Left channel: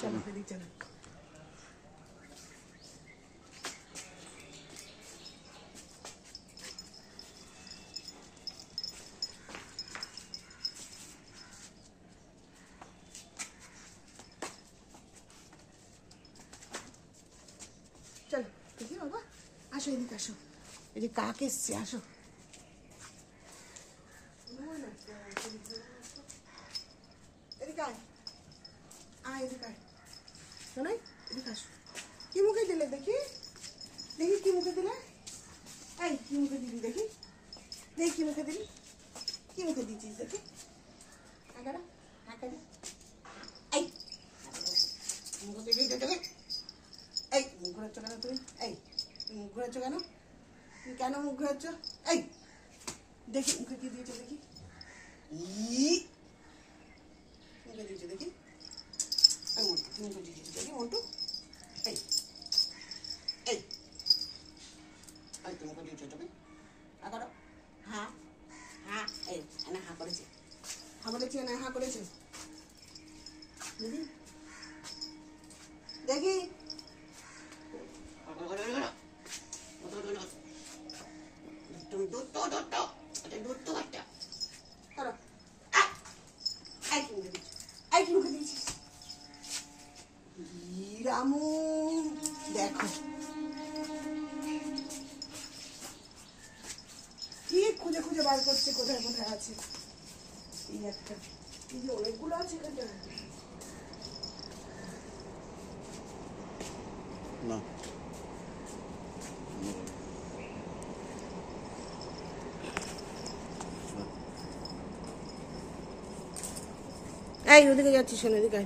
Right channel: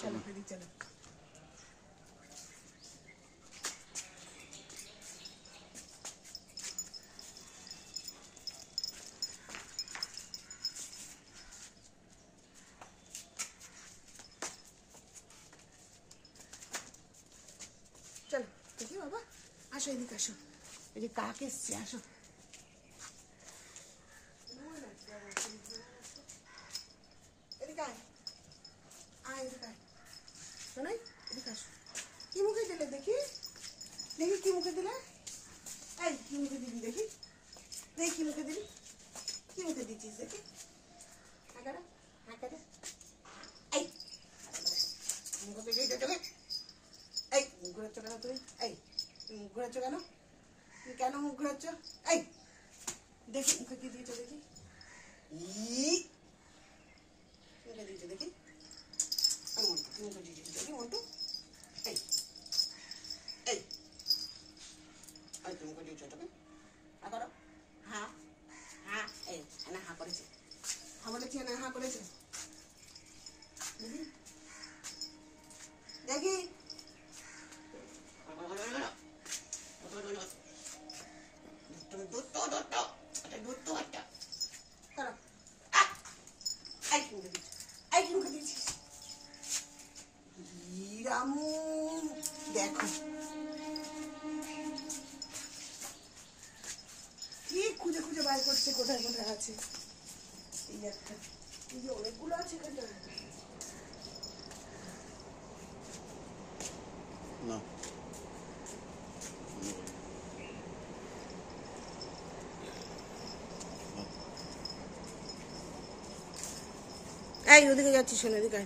চলো এদিকে চলো। চলো দেখি বাবা, আসো এদিকে আসো, এই যে কাক এসছে, আসো। এদিকে আয়, আয় এদিকে আয়, শোনাই এদিকে আসো। কি মুখে দিলে দেখি, দেখি কি মুখে দিলে, এই কি মুখে দিলি দেখি, দেখি কি মুখে দিলি, কি মুখে দিচ্ছিস দেখি, হাঁকাটা হাঁকাটা, এই মুখে দিলি চোখে, এই মুখ ঘুরাচ্ছ কেন তুমি, এই তুমি মুখ ঘুরাচ্ছ কেন, তুমি কেন মুখ ঘুরাচ্ছ, এই দেখি মুখে কি দিয়েছো দেখি, মুখে দিয়েছো দেখি, এই মন্টু তুমি মুখে দিয়েছো দেখি মন্টু, এই এই এই তুমি মুখে দিয়েছো চোখে, হা করো, হা হা, এই না হা করেছে, হা বলেছি না হা করেছে, দেখি দেখি, তুমি দুধ তো বাচ্চা করো, এই কি মুখে দিয়েছিস, রামু দেখো কি খুঁজে খুঁজে বার করছে কোথায় কোথায় আছে, এই একটা, এই যে অনেকগুলো আছে এখানটা না, এই ওদিকে যাচ্ছিস শোনো এদিকে।